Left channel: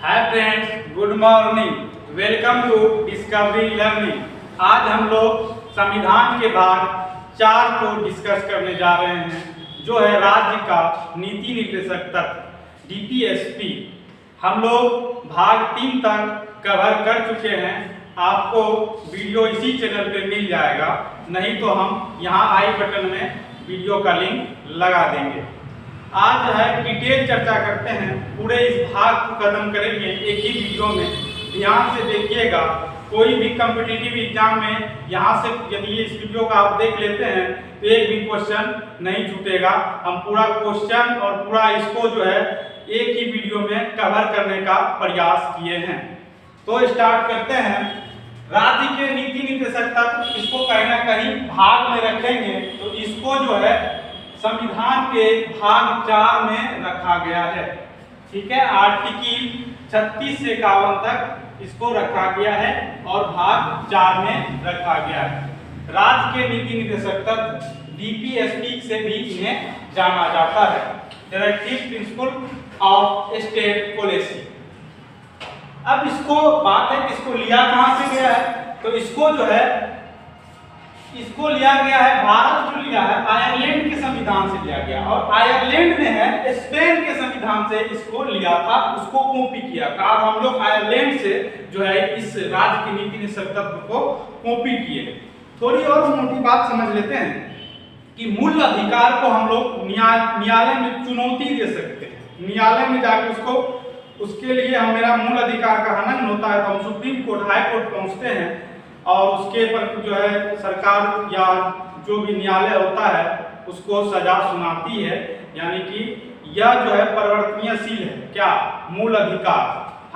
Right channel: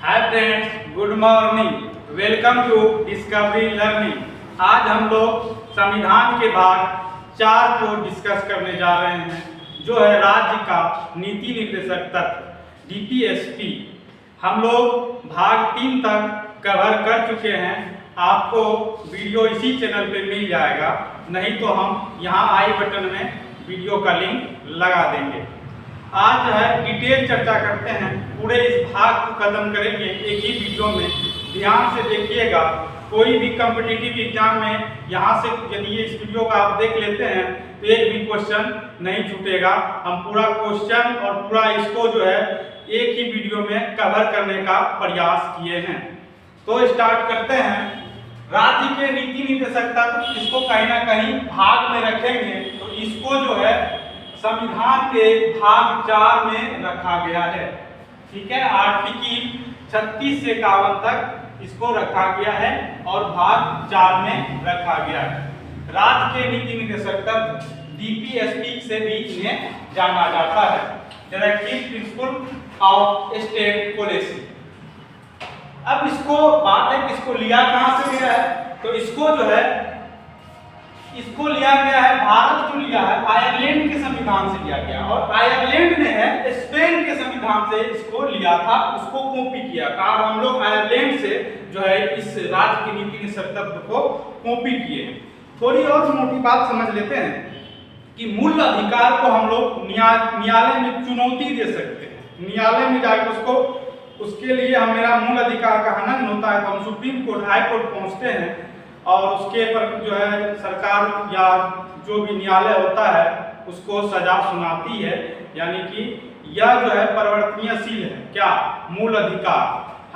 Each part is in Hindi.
Hi friends, good morning. Welcome to Discovery Learning. आज हम लोग संविधान के भाग 4 को डिस्कस करने जा रहे हैं, जो है राज्य का नीति निर्देशक तत्व डीपीएसपी। हम लोग भाग 3 तक कवर कर चुके हैं। आपको वीडियो इसी चैनल पे मिल जाएगा, नहीं तो हम यहाँ आई बटन में वीडियो का लिंक लगा देंगे। आज जो है डिटेल चर्चा करते हैं, पूरे इस भाग को खत्म करेंगे एक ही वीडियो में। ध्यान से देखिएगा, कोई भी कॉम्पिटिटिव एग्जाम में यहाँ से यदि इस वीडियो का आप देख लेते हैं तो एक भी क्वेश्चन नहीं छूटेगा। हम पूरा क्वेश्चन और पूरा इसको जो है एक ही वीडियो में कवर करने का प्रयास किए हैं। तो स्टार्ट करते हैं। राज्य के नीति निर्देशक तत्व, इसको कहीं ना कहीं भाग में रखेंगे, तो इसको जो है संविधान के भाग 4 में रखा गया है। ठीक है, आर्टिकल 36 से 51 तक इसको रखा गया है और भाग 4 में रखा गया है। राज्य के नीति निर्देशक तत्व डीपीएसपी से भी इन्हें जाना जाता है, directive principle of state policy. अब इसको बात है कि इसको लिया कहां से गया है, तो इसको जो है इसको लिया गया है, भारत जो लिया है आयरलैंड के संविधान से लिया गया, और आयरलैंड ने है स्पेन के संविधान से इसको लिया था, उसको कॉपी किया था। और हम लोग आयरलैंड से जो है इस राज्य के नीति निर्देशक तत्व को कॉपी किए। थोड़ी और मोटी बात समझ लेते हैं कि मूल अधिकार को हम लोग न्यायालय में चुनौती दे सकते हैं। न्यायालय में जाकर उसके लिए हम मेरा मूल अधिकार का हनन होता है तो हम सुप्रीम कोर्ट, हाई कोर्ट पहुंचते हैं और उसके पर जो है सरकार या जो भी न्यायालय होता है उसको सजा सुनाती है। यानी कि यह जो है परिवर्तनीयशील है। क्या? मूल अधिकार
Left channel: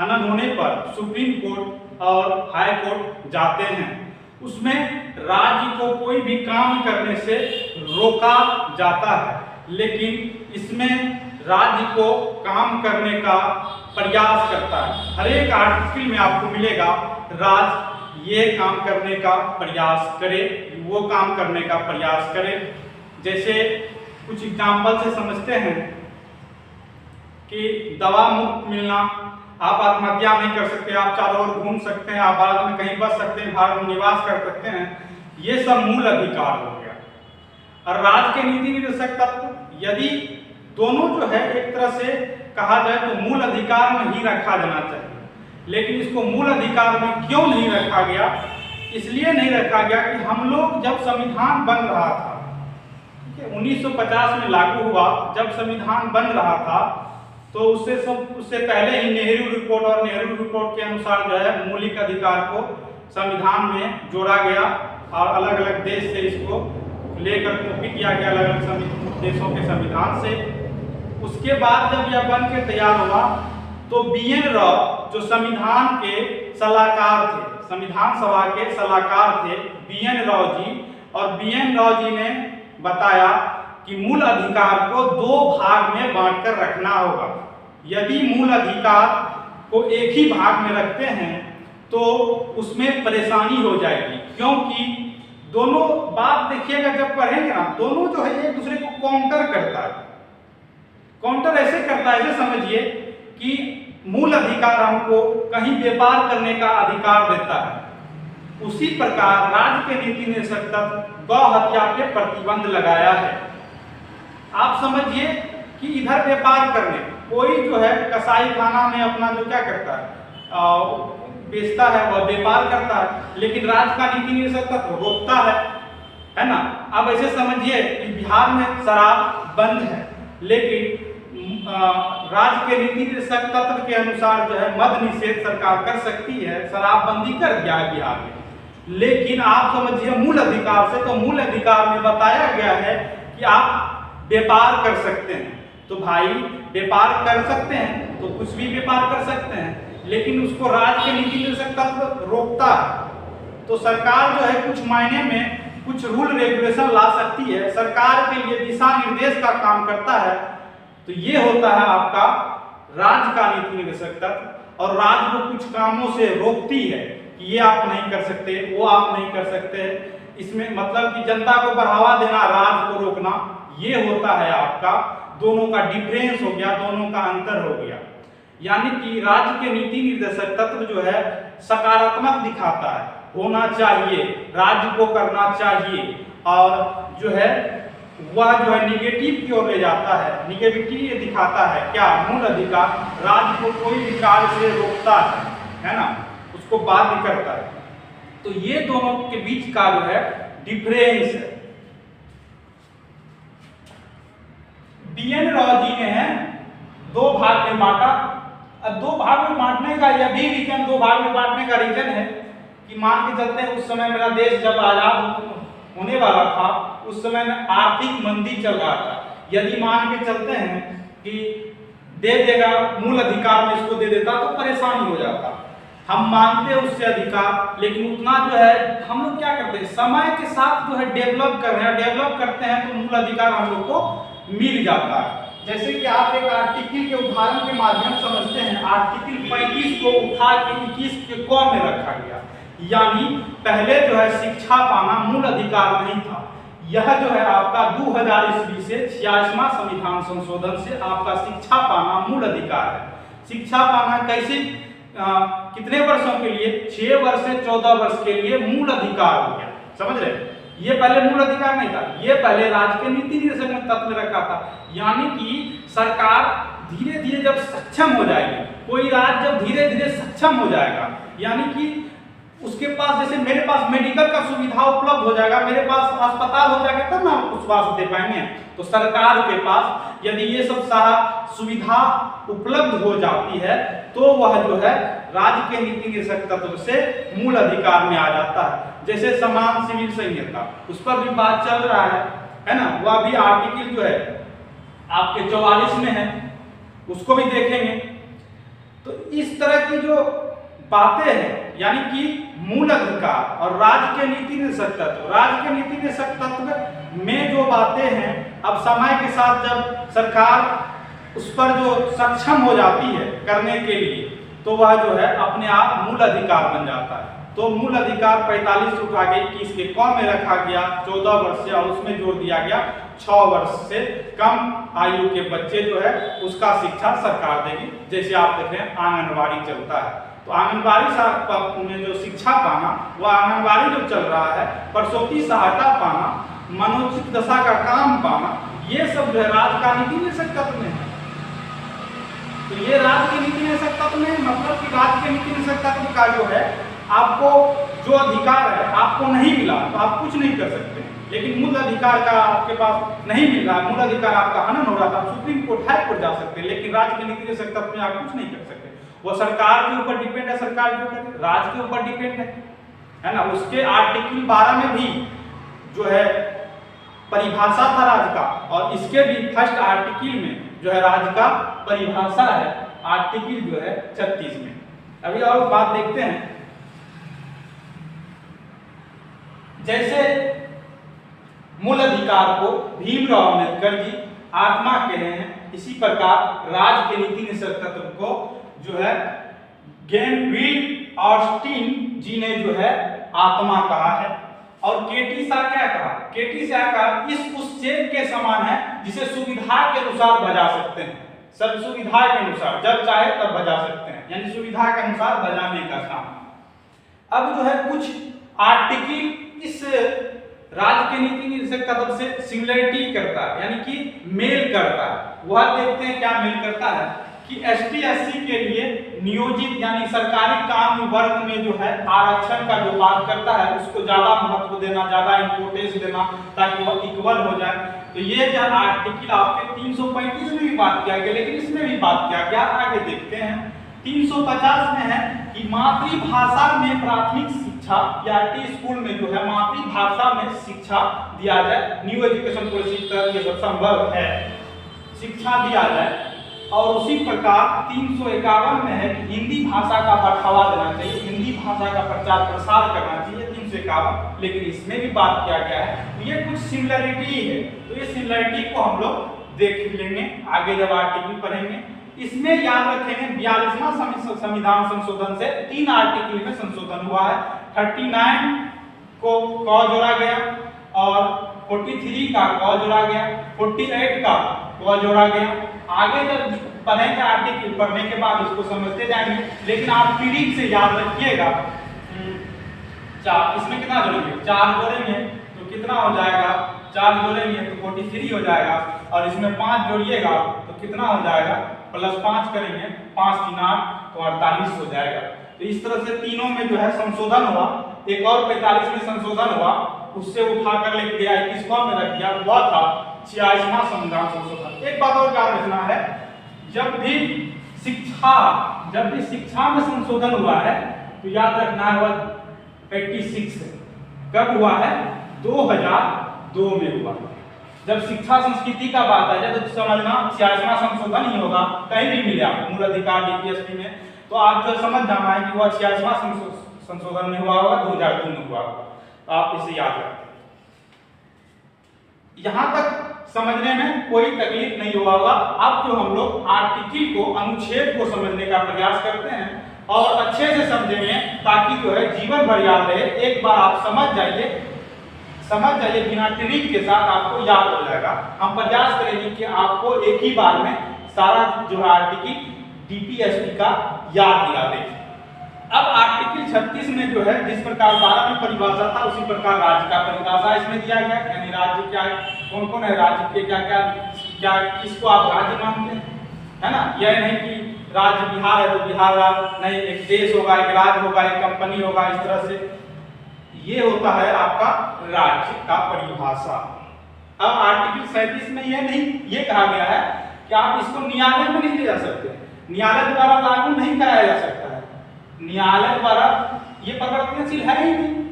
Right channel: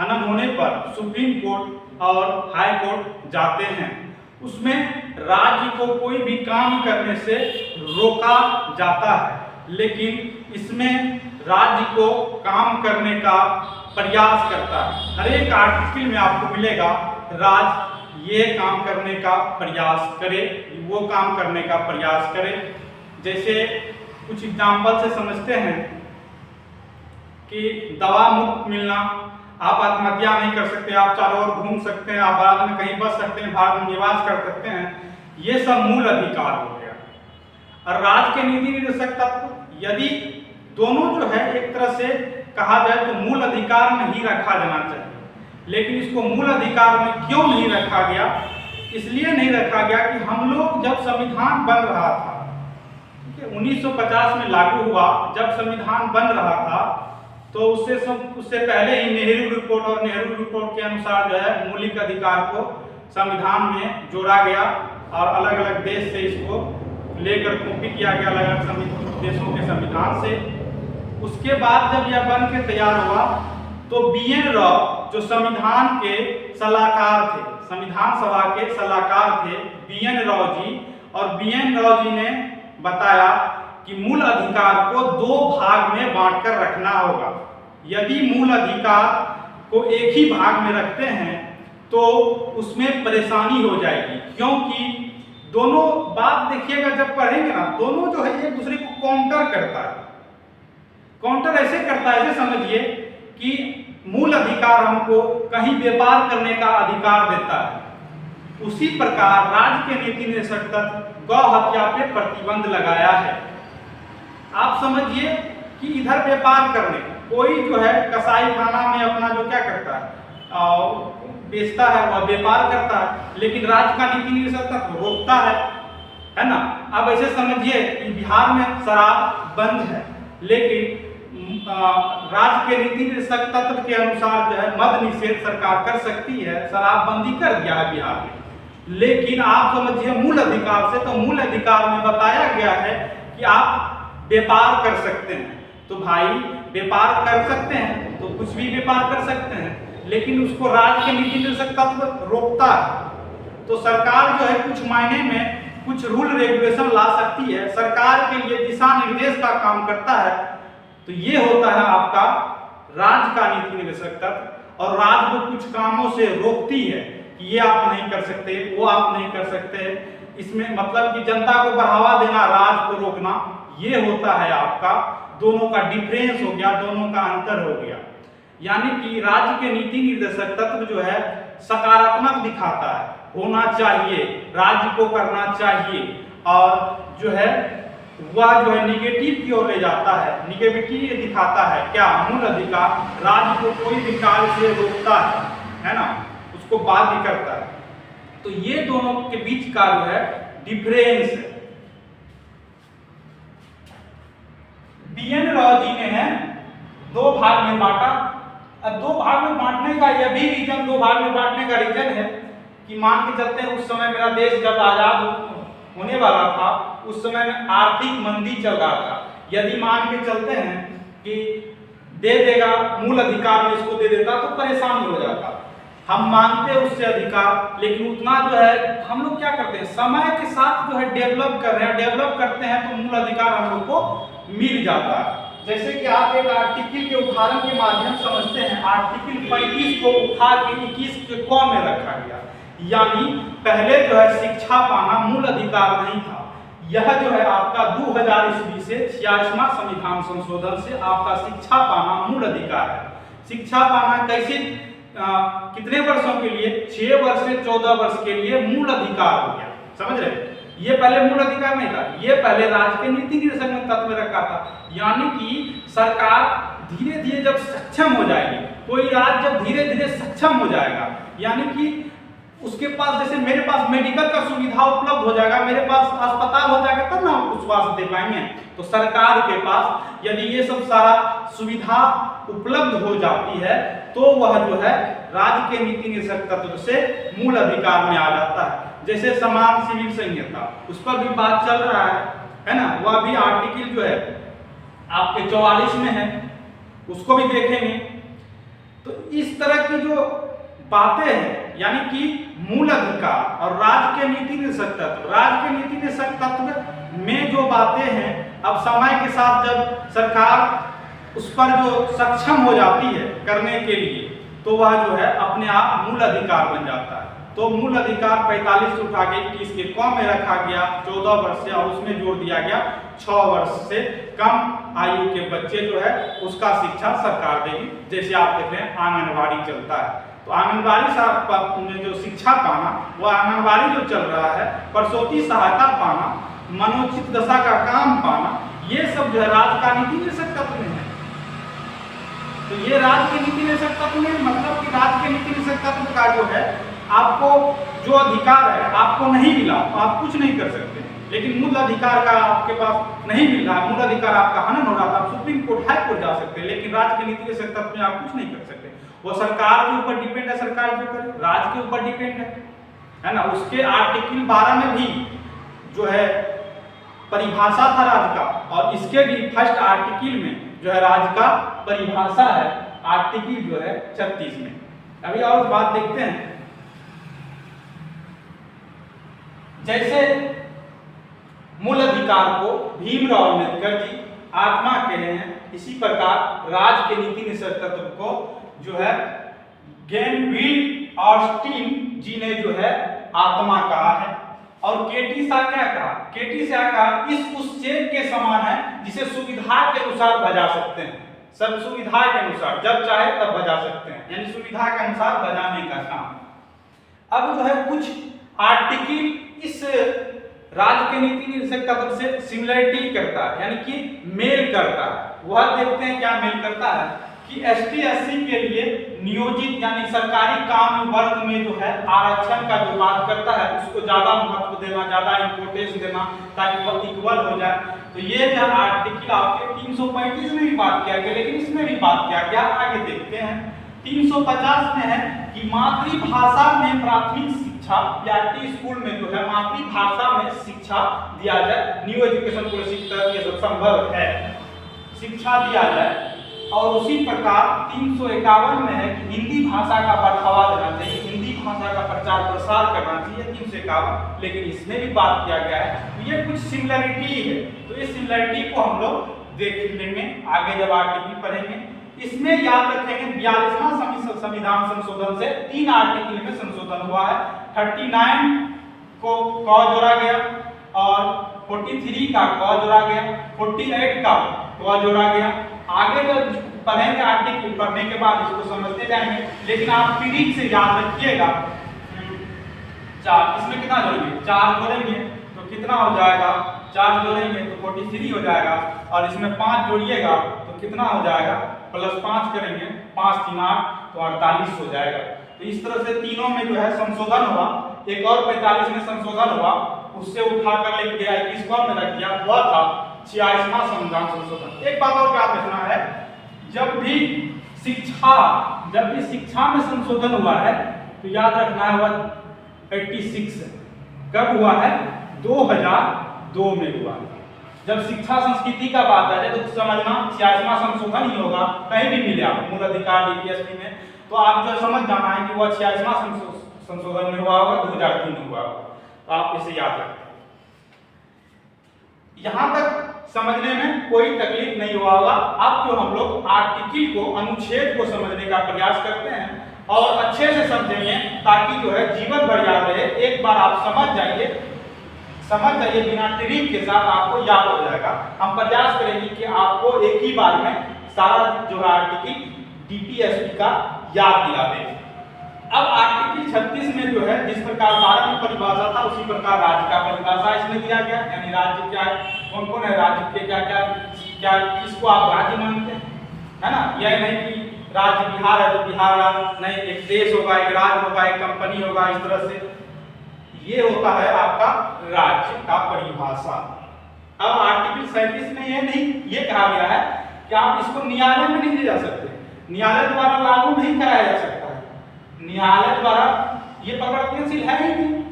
हनन होने पर सुप्रीम कोर्ट और हाई कोर्ट जाते हैं। उसमें राज्य को कोई भी काम करने से रोका जाता है, लेकिन इसमें राज्य को काम करने का प्रयास करता है। हर एक आर्टिकल में आपको मिलेगा राज्य ये काम करने का प्रयास करे, वो काम करने का प्रयास करे। जैसे कुछ एग्जाम्पल से समझते हैं कि दवा मुफ्त मिलना, आप आत्महत्या नहीं कर सकते, आप चारों ओर घूम सकते हैं, आप भारत में कहीं बस सकते हैं, भारत में निवास कर सकते हैं, ये सब मूल अधिकार हो गया। और राज्य के नीति निर्देशक तत्व यदि दोनों जो है एक तरह से कहा जाए तो मूल अधिकार में ही रखा जाना चाहिए, लेकिन इसको मूल अधिकार में क्यों नहीं रखा गया? इसलिए नहीं रखा गया कि हम लोग जब संविधान बन रहा था, ठीक है, 1950 में लागू हुआ, जब संविधान बन रहा था तो उससे पहले ही नेहरू रिपोर्ट और नेहरू रिपोर्ट के अनुसार जो है मौलिक अधिकार को संविधान में जोड़ा गया और अलग अलग देश से इसको लेकर कॉपी किया गया, अलग अलग देशों के संविधान से। उसके बाद जब यह बन के तैयार हुआ तो BN राव जो संविधान के सलाहकार थे, संविधान सभा के सलाहकार थे BN राव जी, और BN राव जी ने बताया कि मूल अधिकार को 2 भाग में बांटकर रखना होगा। यदि मूल अधिकार को एक ही भाग में रखते हैं तो उसमें परेशानी हो जाएगी, क्योंकि दोनों बात देखिएगा जब पढ़ेंगे ना, दोनों जो है एक दूसरे को काउंटर करता है। काउंटर ऐसे करता है, ऐसे समझिए कि मूल अधिकार हमको कहीं व्यापार करने का अधिकार देता है, उसी प्रकार राज्य के नीति निर्देशक तत्व गौ हत्या पे प्रतिबंध लगाया है। आप समझिए कि इधर व्यापार करने, कोई जो है कसाई खाना में अपना जो क्या करता है बेचता है, वह व्यापार करता है, लेकिन राज्य का नीति निर्देशक तत्व रोकता है ना। अब ऐसे समझिए कि बिहार में शराब बंद है, लेकिन राज्य के नीति निर्देशक तत्व के अनुसार जो है मद निषेध सरकार कर सकती है, शराबबंदी कर दिया है बिहार में। लेकिन आप समझिए मूल अधिकार से, तो मूल अधिकार में बताया गया है कि आप व्यापार कर सकते हैं। तो भाई व्यापार कर सकते हैं तो कुछ भी व्यापार कर सकते हैं, लेकिन उसको राज्य के नीति निर्देशक तत्व रोकता है। तो सरकार जो है कुछ मायने में कुछ रूल रेगुलेशन ला सकती है, सरकार के लिए दिशा निर्देश का काम करता है। तो ये होता है आपका राज्य का नीति निर्देशक तत्व, और राज्य को कुछ कामों से रोकती है कि ये आप नहीं कर सकते, वो आप नहीं कर सकते। इसमें मतलब कि जनता को बढ़ावा देना, राज्य को रोकना, ये होता है आपका। दोनों का डिफरेंस हो गया, दोनों का अंतर हो गया। यानी कि राज्य के नीति निर्देशक तत्व जो है सकारात्मक दिखाता है, होना चाहिए, राज्य को करना चाहिए, और जो है वह जो है निगेटिव की ओर ले जाता है, निगेटिविटी दिखाता है। क्या? मूल अधिकार राज्य को कोई भी कार्य से रोकता है ना, उसको बाध्य करता है। तो ये दोनों के बीच का जो है डिफरेंस है। बीएन राव जी ने है दो भाग में बांटा। अब दो भाग में बांटने का यह भी रीजन, दो भाग में बांटने का रीजन है कि मान के चलते हैं उस समय मेरा देश जब आजाद होने वाला था, उस समय में आर्थिक मंदी चल रहा था। यदि मान के चलते हैं कि दे देगा मूल अधिकार में इसको दे देता तो परेशानी हो जाता। हम मांगते हैं उससे अधिकार, लेकिन उतना जो है हम लोग क्या करते हैं, समय के साथ जो है डेवलप कर रहे हैं, डेवलप करते हैं तो मूल अधिकार हम लोग को मिल जाता है। जैसे कि आप एक आर्टिकल के उदाहरण के माध्यम समझते हैं। आर्टिकल 35 को उठा के 21 के क में रखा गया, यानी पहले जो है शिक्षा पाना मूल अधिकार नहीं था। यह जो है आपका 2000 ईस्वी से 86वां संविधान संशोधन से आपका शिक्षा पाना मूल अधिकार है। शिक्षा पाना कैसे, कितने वर्षों के लिए? 6 वर्ष से 14 वर्ष के लिए मूल अधिकार हो गया। समझ रहे? ये पहले मूल अधिकार नहीं था, ये पहले राज्य के नीति निर्देशक में तत्व में रखा था। यानी कि सरकार धीरे धीरे जब सक्षम हो जाएगी, कोई राज्य जब धीरे धीरे सक्षम हो जाएगा, यानी कि उसके पास, जैसे मेरे पास मेडिकल का सुविधा उपलब्ध हो जाएगा, मेरे पास अस्पताल हो जाएगा, तब ना हम स्वास्थ्य दे पाएंगे। तो सरकार के पास यदि ये सब सारा सुविधा उपलब्ध हो जाती है तो वह जो है राज्य के नीति निर्देशक तत्व से मूल अधिकार में आ जाता है। जैसे समान सिविल संहिता, उस पर भी बात चल रहा है ना, वह भी आर्टिकल जो है आपके 44 में है, उसको भी देखेंगे। तो इस तरह की जो बातें हैं, यानी कि मूल अधिकार और राज्य के नीति निर्देशक तत्व, राज्य के नीति निर्देशक तत्व में जो बातें हैं, अब समय के साथ जब सरकार उस पर जो सक्षम हो जाती है करने के लिए, तो वह जो है अपने आप मूल अधिकार बन जाता है। तो मूल अधिकार 45 से उठा के 21 के क में रखा गया 14 वर्ष से, और उसमें जोड़ दिया गया 6 वर्ष से कम आयु के बच्चे जो है उसका शिक्षा सरकार देगी। जैसे आप देख रहे हैं आंगनबाड़ी चलता है, तो आंगनबाड़ी में जो शिक्षा पाना, वह आंगनबाड़ी जो चल रहा है, प्रसूति सहायता पाना, मनोचित दशा का काम पाना, ये सब जो है राज्य का नीति निर्देशक तत्व में है। तो ये राज्य के नीति निर्देशक तत्व में, मतलब कि राज्य के नीति निर्देशक तत्व का जो है आपको जो अधिकार है आपको नहीं मिला तो आप कुछ नहीं कर सकते। लेकिन मूल अधिकार का आपके पास नहीं मिल रहा, मूल अधिकार आपका हनन हो रहा था, आप सुप्रीम कोर्ट, हाई कोर्ट जा सकते हैं, लेकिन राज्य के नीति निर्देशक तत्व में आप कुछ नहीं कर सकते। वो सरकार के ऊपर डिपेंड है, सरकार जो करे, राज्य के ऊपर डिपेंड है ना। उसके आर्टिकल 12 में भी जो है परिभाषा था राज्य का, और इसके भी फर्स्ट आर्टिकल में जो है राज्य का परिभाषा है, आर्टिकल जो है 36 में। अभी और बात देखते हैं। जैसे मूल अधिकार को भीमराव अम्बेडकर जी आत्मा कहे हैं, इसी प्रकार राज्य के नीति निर्देशक तत्व को जो है गेनविल ऑस्टिन जी ने जो है आत्मा कहा है। और केटी शाह क्या कहा? केटी शाह कहा इस उस चेक के समान है जिसे सुविधा के अनुसार बजा सकते हैं। सब सुविधा के अनुसार, जब चाहे तब बजा सकते हैं, यानी सुविधा के अनुसार बजाने का काम। अब जो है कुछ आर्टिकल इस राज्य के नीति निर्देशक तत्व से सिमिलरिटी करता है, यानी कि मेल करता है। वह देखते हैं क्या मेल करता है कि एसटी एससी के लिए नियोजित यानी सरकारी काम वर्ग में जो है आरक्षण का जो बात करता है उसको ज्यादा महत्व देना, ज्यादा इंपोर्टेंस देना, ताकि वह इक्वल हो जाए। तो ये जो आर्टिकल आपके 335 में भी बात किया गया, लेकिन इसमें भी बात किया गया। आगे देखते हैं 350 में है कि मातृभाषा में प्राथमिक शिक्षा या स्कूल में जो है मातृभाषा में शिक्षा दिया जाए, न्यू एजुकेशन पॉलिसी तक ये सब संभव है, शिक्षा दिया जाए। और उसी प्रकार 351 में है कि हिंदी भाषा का बढ़ावा देना चाहिए, हिंदी भाषा का प्रचार प्रसार करना चाहिए, 351। लेकिन इसमें भी बात किया गया है, तो ये कुछ सिमिलरिटी है। तो इस सिमिलरिटी को हम लोग देख लेंगे आगे जब आर्टिकल पढ़ेंगे। इसमें याद रखेंगे 42वां संविधान संशोधन से 3 आर्टिकल में संशोधन हुआ है। 39 को क जोड़ा गया और 43 का क जोड़ा गया, 48 का क जोड़ा गया। आगे जब पढ़ेंगे आर्टिकल, पढ़ने के बाद इसको समझते जाएंगे। लेकिन आप ट्रिक से याद रखिएगा। 4 इसमें कितना जोड़ेंगे, 4 जोड़ेंगे तो कितना हो जाएगा, 4 जोड़ेंगे तो 43 हो जाएगा, और इसमें 5 जोड़िएगा तो कितना हो जाएगा, +5 करेंगे, 5 3 8 तो 48 हो जाएगा। तो इस तरह से तीनों में जो है संशोधन हुआ, एक और 45 में संशोधन हुआ, उससे उठा कर लेके गया 21वां में रख दिया, वह था 46वां संविधान संशोधन। एक बात और याद रखना है, जब भी शिक्षा में संशोधन हुआ है तो याद रखना है वह 86 कब हुआ है, 2002 में हुआ। जब शिक्षा संस्कृति का बात है तो समझना 86वां संशोधन ही होगा, कहीं भी मिले आप मूल अधिकार डीपीएसपी में, तो आप जो समझ जाना है कि वह 86वां संशोधन में हुआ होगा, 2003 में हुआ होगा। तो आप इसे याद रखें। यहां तक समझने में कोई तकलीफ नहीं हुआ होगा। अब जो हम लोग आर्टिकल को, अनुच्छेद को समझने का प्रयास करते हैं और अच्छे से समझेंगे ताकि जो है जीवन भर याद रहे। एक बार आप समझ जाइए बिना ट्रिक के साथ आपको याद हो जाएगा। हम प्रयास करेंगे कि आपको एक ही बार में सारा जो है आर्टिकल डीपीएसपी का याद दिला दें। अब आर्टिकल 36 में जो है जिस प्रकार 12 में परिभाषा था उसी प्रकार राज्य का परिभाषा इसमें दिया गया, यानी राज्य क्या है, कौन कौन है राज्य के, क्या क्या क्या किसको आप राज्य मानते हैं, है ना। यह नहीं कि राज्य बिहार है तो बिहार राज्य नहीं, एक देश होगा, एक राज्य होगा, एक कंपनी होगा, इस तरह से ये होता है आपका राज्य का परिभाषा। अब आर्टिकल 37 में ये नहीं ये कहा गया है कि आप इसको न्यायालय में नहीं ले जा सकते, न्यायालय द्वारा लागू नहीं कराया जा सकता है, न्यायालय द्वारा ये परिवर्तनशील है ही नहीं,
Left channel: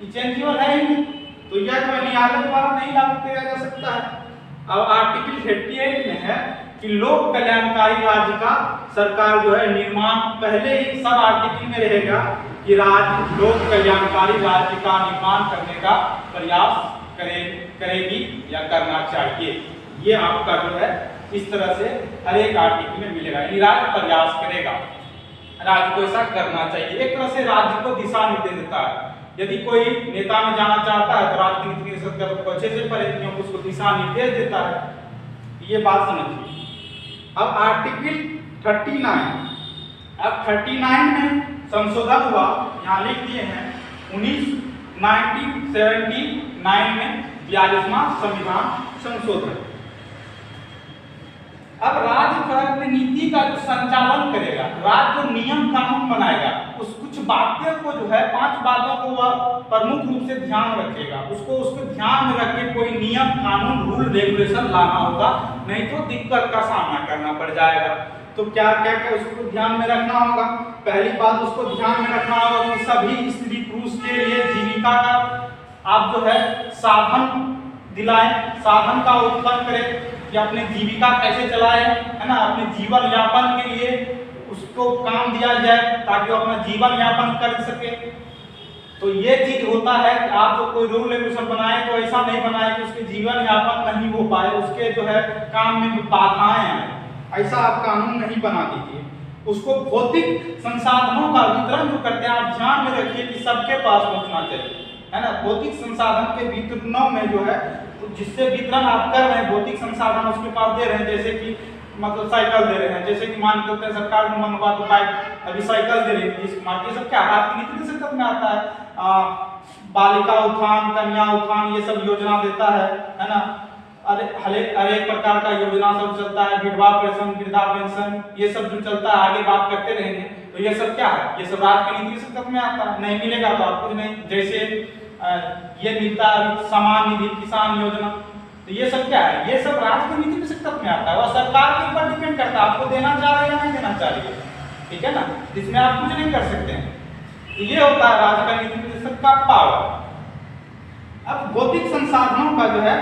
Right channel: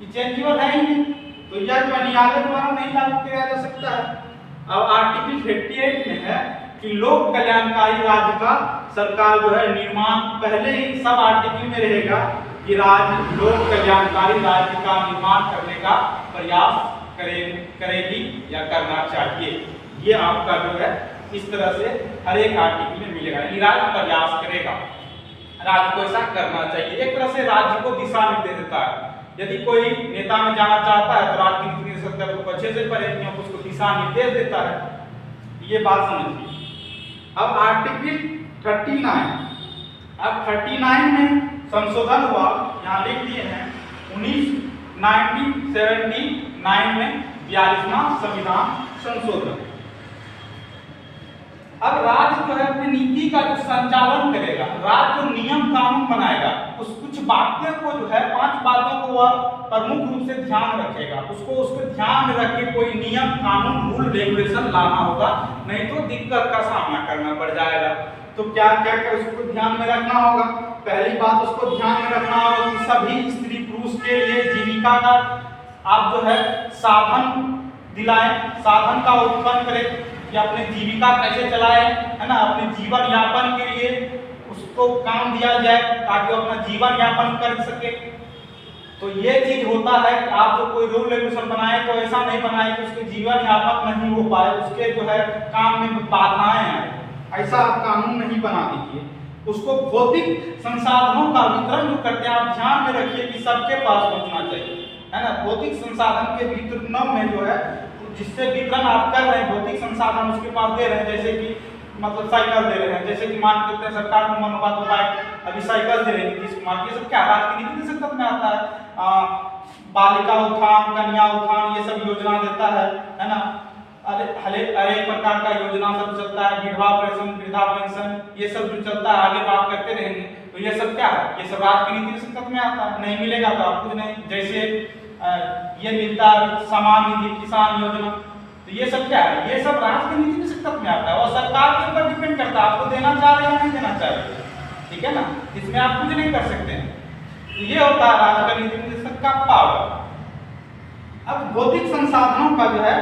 ये चेंजेबल है ही नहीं, तो यह जो न्यायालय द्वारा नहीं लागू किया जा सकता है। अब आर्टिकल 58 में है कि लोक कल्याणकारी राज्य का सरकार जो है निर्माण, पहले ही सब आर्टिकल में रहेगा कि राज्य लोक कल्याणकारी राज्य का निर्माण करने का प्रयास करेगी या करना चाहिए। ये आपका जो है इस तरह से हर एक आर्टिकल में मिलेगा, यानी राज्य प्रयास करेगा, राज्य को ऐसा करना चाहिए। एक तरह से राज्य को दिशा निर्देश देता है। यदि कोई नेता में जाना चाहता है तो राज्य नीति निर्देशक को अच्छे से पढ़े, उसको दिशा निर्देश देता है। ये बात समझिए। अब आर्टिकल 39, अब 39 में संशोधन हुआ, यहाँ लिख दिए हैं 1979 में 42वां संविधान संशोधन। अब राज्य जो है अपनी नीति का जो संचालन करेगा, राज्य जो नियम कानून बनाएगा, उस कुछ बातें को जो है 5 बातों को वह प्रमुख रूप से ध्यान रखेगा, उसको ध्यान में रख के कोई नियम कानून रूल रेगुलेशन लाना होगा, नहीं तो दिक्कत का सामना करना पड़ जाएगा। तो क्या उसको ध्यान में रखना होगा। पहली बात उसको ध्यान में रखना होगा कि सभी स्त्री पुरुष के लिए जीविका का आप जो है साधन दिलाएं, साधन का उत्पन्न करें कि अपने जीविका कैसे चलाए, है ना, अपने जीवन यापन के लिए उसको काम दिया जाए ताकि वो अपना जीवन यापन कर सके। तो ये चीज होता है कि आप जो कोई रूल रेगुलेशन बनाए तो ऐसा नहीं बनाए कि उसके जीवन यापन नहीं हो पाए, उसके जो है काम में बाधाएं हैं, ऐसा आप कानून नहीं बना दीजिए। उसको भौतिक संसाधनों का वितरण जो करते हैं आप ध्यान में रखिए कि सबके पास पहुंचना चाहिए, है ना। भौतिक संसाधन के वितरणों में जो है जिससे वितरण आप कर रहे हैं, भौतिक संसाधन उसके पास दे रहे हैं, जैसे कि मतलब साइकिल दे रहे हैं, जैसे कि मान करते हैं सरकार ने मनोवाद बाइक अभी साइकिल दे रही है नीतीश कुमार, ये सब क्या राज्य की नीति निषेध में आता है। बालिका उत्थान, कन्या उत्थान, ये सब योजना देता है ना। अरे प्रकार का योजना सब चलता है, विधवा पेंशन, वृद्धा पेंशन, ये सब जो चलता है, आगे बात करते रहेंगे। तो ये सब क्या है, ये सब राज्य की नीति निषेध में आता है। नहीं मिलेगा तो आप कुछ नहीं, जैसे ये मिलता है समान निधि, किसान योजना, तो ये सब क्या है, ये सब राज्य की नीति निषेध में आता है और सरकार के ऊपर डिपेंड करता है आपको देना चाह रहे हैं या नहीं देना चाहिए, ठीक है ना। इसमें आप कुछ नहीं कर सकते हैं। तो ये होता है राज्य का नीति निषेध का पावर। अब भौतिक संसाधनों का जो है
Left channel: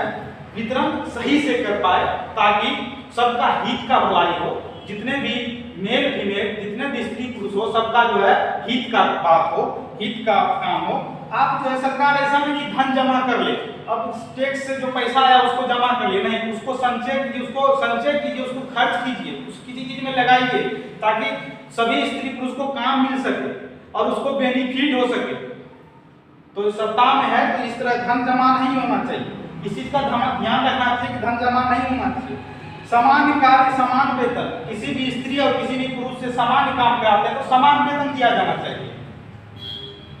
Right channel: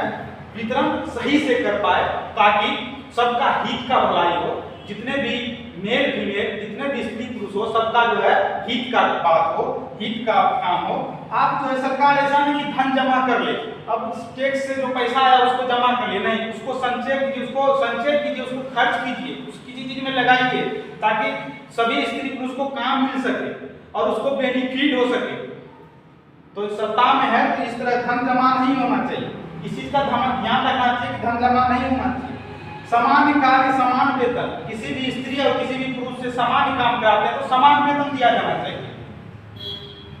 वितरण सही से कर पाए ताकि सबका हित का भलाई हो, जितने भी मेल फीमेल, जितने भी स्त्री पुरुष हो, सबका जो है हित का बात हो, हित का काम हो। आप जो है सरकार ऐसा नहीं कि धन जमा कर ले, अब टैक्स से जो पैसा आया उसको जमा कर ले, नहीं, उसको संचय कीजिए, उसको खर्च कीजिए, उसकी चीज में लगाइए ताकि सभी स्त्री पुरुष को काम मिल सके और उसको बेनिफिट हो सके। तो सत्ता में है तो इस तरह धन जमा नहीं होना चाहिए, इस चीज का ध्यान रखना चाहिए कि धन जमा नहीं होना चाहिए। समान कार्य समान वेतन, किसी भी स्त्री और किसी भी पुरुष से समान काम कराते हैं तो समान वेतन दिया जाना चाहिए।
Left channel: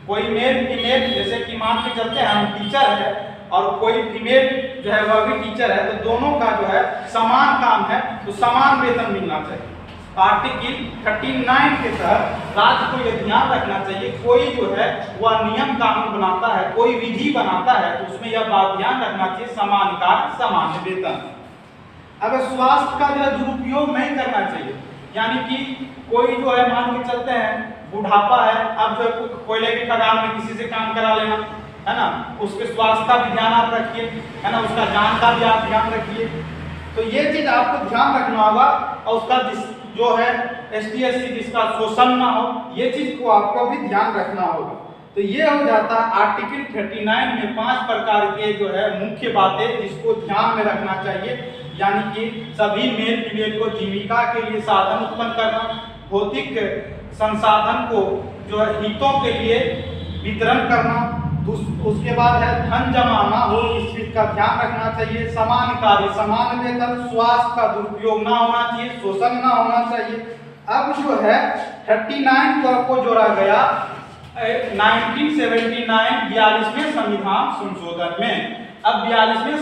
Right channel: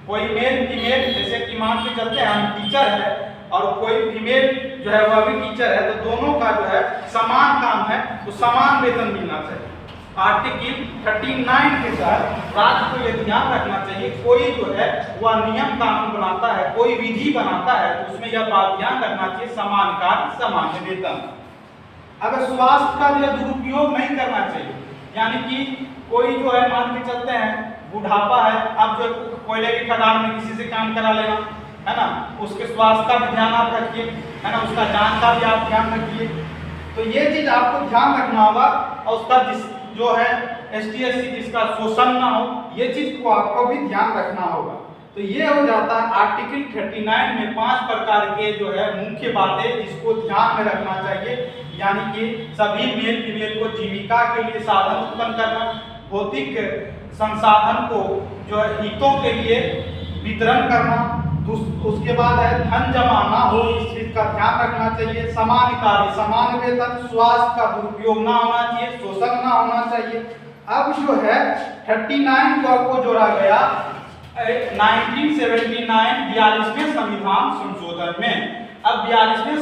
कोई मेल फीमेल, जैसे कि मान के चलते हैं हम टीचर है और कोई फीमेल जो है वह भी टीचर है, तो दोनों का जो है समान काम है तो समान वेतन मिलना चाहिए। आर्टिकल 39 के तहत राज्य को यह ध्यान रखना चाहिए, कोई जो है वह नियम कानून बनाता है, कोई विधि बनाता है तो उसमें यह बात ध्यान रखना चाहिए समान कार्य समान वेतन। अगर स्वास्थ्य का जो है दुरुपयोग नहीं करना चाहिए, यानी कि कोई जो है मान के चलते हैं बुढ़ापा है, अब जो कोयले की खदान में किसी से काम करा लेना है ना, उसके स्वास्थ्य का भी ध्यान आप रखिए, है ना, उसका जान का भी आप ध्यान रखिए। तो ये चीज आपको ध्यान रखना होगा और उसका जो है ST/SC जिसका शोषण ना हो, ये चीज को आपको भी ध्यान रखना होगा। तो ये हो जाता है आर्टिकल 39 में 5 प्रकार के जो है मुख्य बातें जिसको ध्यान में रखना चाहिए, यानी कि सभी मेल फीमेल को जीविका के लिए साधन उत्पन्न करना, भौतिक संसाधन को जो है हितों के लिए वितरण करना, उसके बाद है धन जमा ना हो इस चीज का ध्यान रखना चाहिए, समान कार्य समान वेतन, स्वास्थ्य का दुरुपयोग ना होना चाहिए, शोषण ना होना चाहिए। अब जो है 39 को आपको जोड़ा गया 1979 42वें संविधान संशोधन में। अब 42वें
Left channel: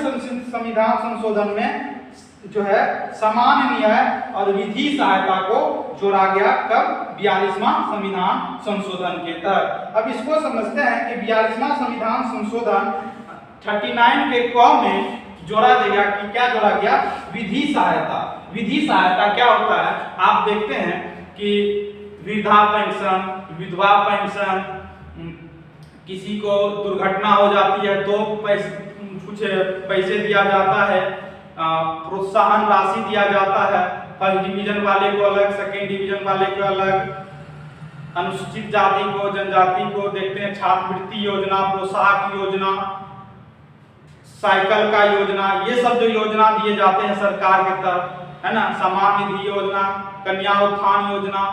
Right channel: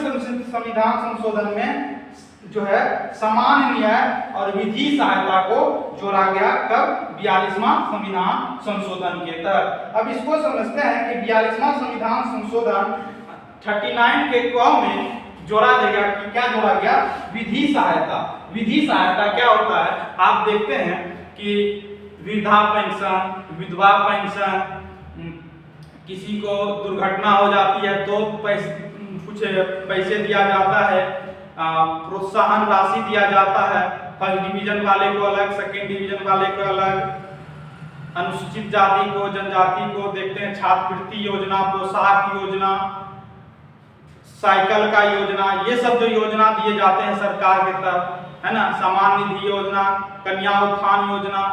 संविधान संशोधन में जो है समान न्याय और विधि सहायता को जोड़ा गया, कब 42वां संविधान संशोधन के तहत। अब इसको समझते हैं कि 42वां संविधान संशोधन 39 के क में जोड़ा गया कि क्या जोड़ा गया, विधि सहायता। विधि सहायता क्या होता है, आप देखते हैं कि वृद्धा पेंशन, विधवा पेंशन, किसी को दुर्घटना हो जाती है तो कुछ पैसे दिया जाता है, प्रोत्साहन राशि दिया जाता है, फर्स्ट डिवीजन वाले को अलग, सेकेंड डिवीजन वाले को अलग, अनुसूचित जाति को जनजाति को देखते हैं छात्रवृत्ति योजना, प्रोत्साहक योजना, साइकिल का योजना, ये सब जो योजना दिए जाते हैं सरकार की तरफ, है ना, समान निधि योजना, कन्या उत्थान योजना,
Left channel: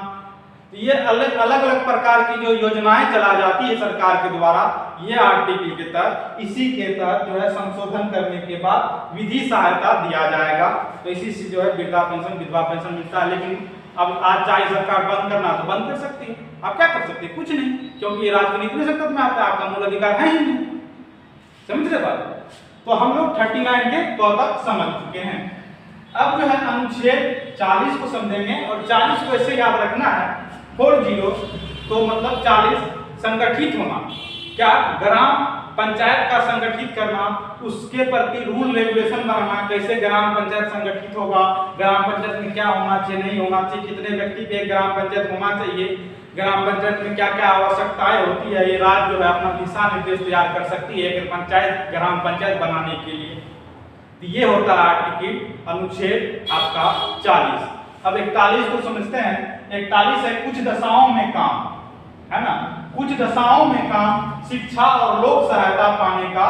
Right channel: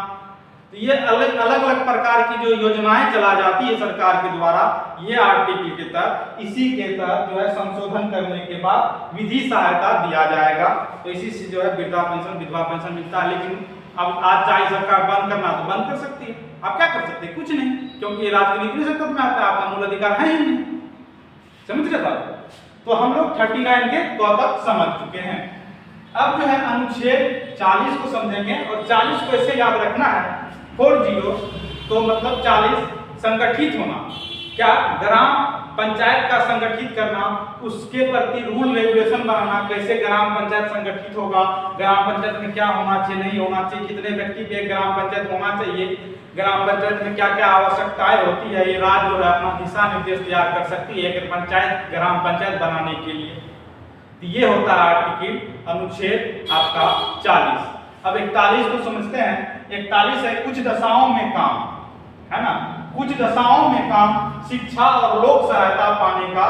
तो ये अलग अलग प्रकार की जो योजनाएं चला जाती है सरकार के द्वारा, ये आर्टिकल के तहत इसी के तहत जो है संशोधन करने के बाद विधि सहायता दिया जाएगा। तो इसी से जो है वृद्धा पेंशन विधवा पेंशन मिलता है। लेकिन अब आज चाहे सरकार बंद करना तो बंद कर सकती है, आप क्या कर सकते हैं, कुछ नहीं, क्योंकि ये राजनीति सत्ता में आता है, आपका मूल अधिकार है ही नहीं। समझ रहे भाई? तो हम लोग 39 के क तक समझ चुके हैं। अब जो है अनुच्छेद 40 को समझेंगे और 40 को ऐसे याद रखना है 40, तो मतलब 40 संगठित होना, क्या ग्राम पंचायत का संगठित करना, उसके प्रति रूल रेगुलेशन बनाना, कैसे ग्राम पंचायत संगठित होगा, ग्राम पंचायत में क्या होना चाहिए नहीं होना चाहिए, कितने व्यक्ति पे ग्राम पंचायत होना चाहिए, ग्राम पंचायत में क्या क्या आवश्यकताएं होती है, ये राज्य जो है अपना दिशा निर्देश तैयार कर सकती है पंचायत ग्राम पंचायत बनाने के लिए। तो ये होता है आर्टिकल अनुच्छेद आपका 40। अब 41 को समझते हैं। 41 है कुछ दशाओं में काम, है ना, कुछ दशाओं में काम, शिक्षा और लोक सहायता पाने का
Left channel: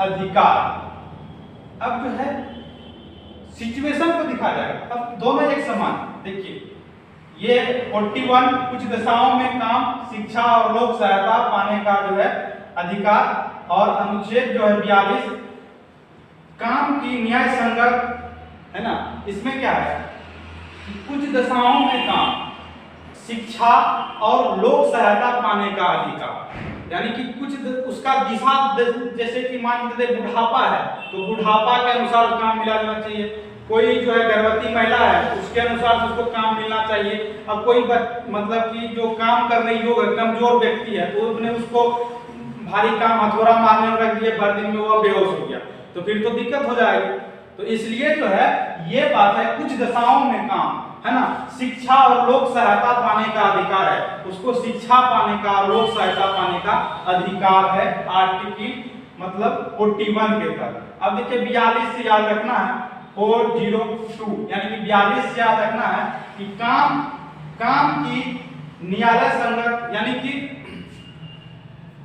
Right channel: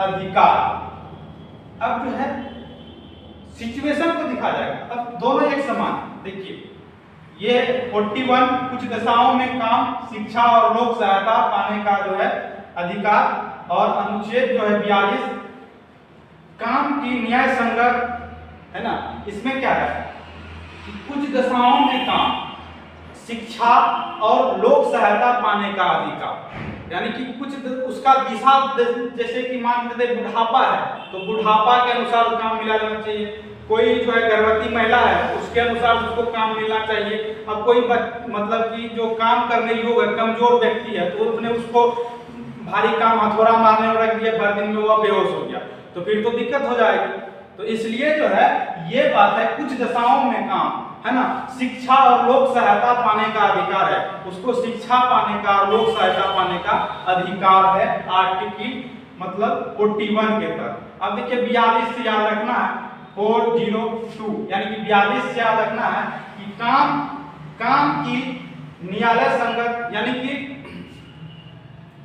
अधिकार। अब जो है सिचुएशन को दिखा जाएगा, अब दोनों एक समान। देखिए ये 41 कुछ दशाओं में काम, शिक्षा और लोक सहायता पाने का जो है अधिकार, और अनुच्छेद जो है 42 काम की न्याय संगत, है ना, इसमें क्या है कुछ दशाओं में काम, शिक्षा और लोक सहायता पाने का अधिकार, यानी कि कुछ उसका दिशा, जैसे कि मान लीजिए बुढ़ापा है तो बुढ़ापा के अनुसार काम मिला जाना चाहिए, कोई जो है गर्भवती महिला है उसके अनुसार उसको काम मिलना चाहिए। अब कोई मतलब कि जो काम करने योग्य कमजोर व्यक्ति है तो उसने उसको भारी काम हथौड़ा मारने में रख दिया, भर दिन में वो बेहोश हो गया तो फिर तो दिक्कत हो जाएगी। तो इसलिए जो है ये बात है कुछ दशाओं में काम, है ना, शिक्षा और लोक सहायता पाने का अधिकार है, उसको शिक्षा पाने का लोक सहायता पाने का अधिकार है आर्टिकल मतलब 41 के तहत। अब देखिए 42 से याद रखना है 402, यानी कि 42 से याद रखना है कि काम की न्यायालय संगत, यानी कि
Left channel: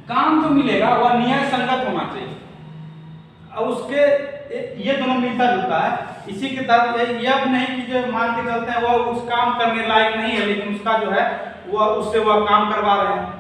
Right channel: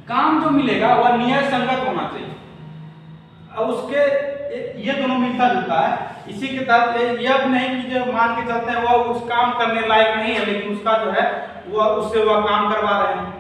काम जो मिलेगा वह न्याय संगत होना चाहिए। अब उसके ये दोनों मिलता जुलता है, इसी के तहत ये अब नहीं कि जो मान के चलते हैं वह उस काम करने लायक नहीं है लेकिन उसका जो है वह उससे वह काम करवा रहे हैं,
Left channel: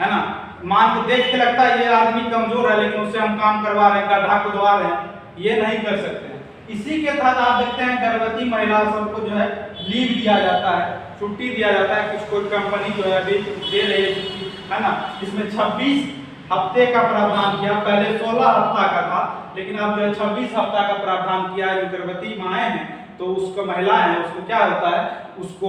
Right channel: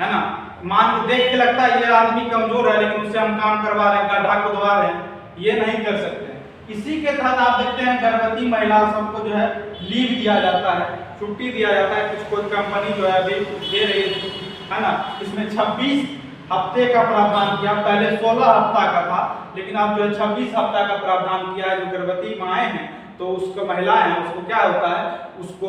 है ना, मान के देख के लगता है ये आदमी कमजोर है लेकिन उससे हम काम करवा रहे हैं, गड्ढा खुदवा रहे हैं, ये नहीं कर सकते हैं। इसी के तहत आप देखते हैं गर्भवती महिला सबको जो है लीव दिया जाता है, छुट्टी दिया जाता है। कुछ कोई कंपनी जो है अभी दे रही है छुट्टी, है ना। इसमें 26 हफ्ते का प्रावधान किया, पहले 16 हफ्ता का था, लेकिन अब जो है 26 हफ्ता का प्रावधान किया है। जो गर्भवती माएँ हैं तो उसको महिलाएं हैं, उसको क्या होता है, उसको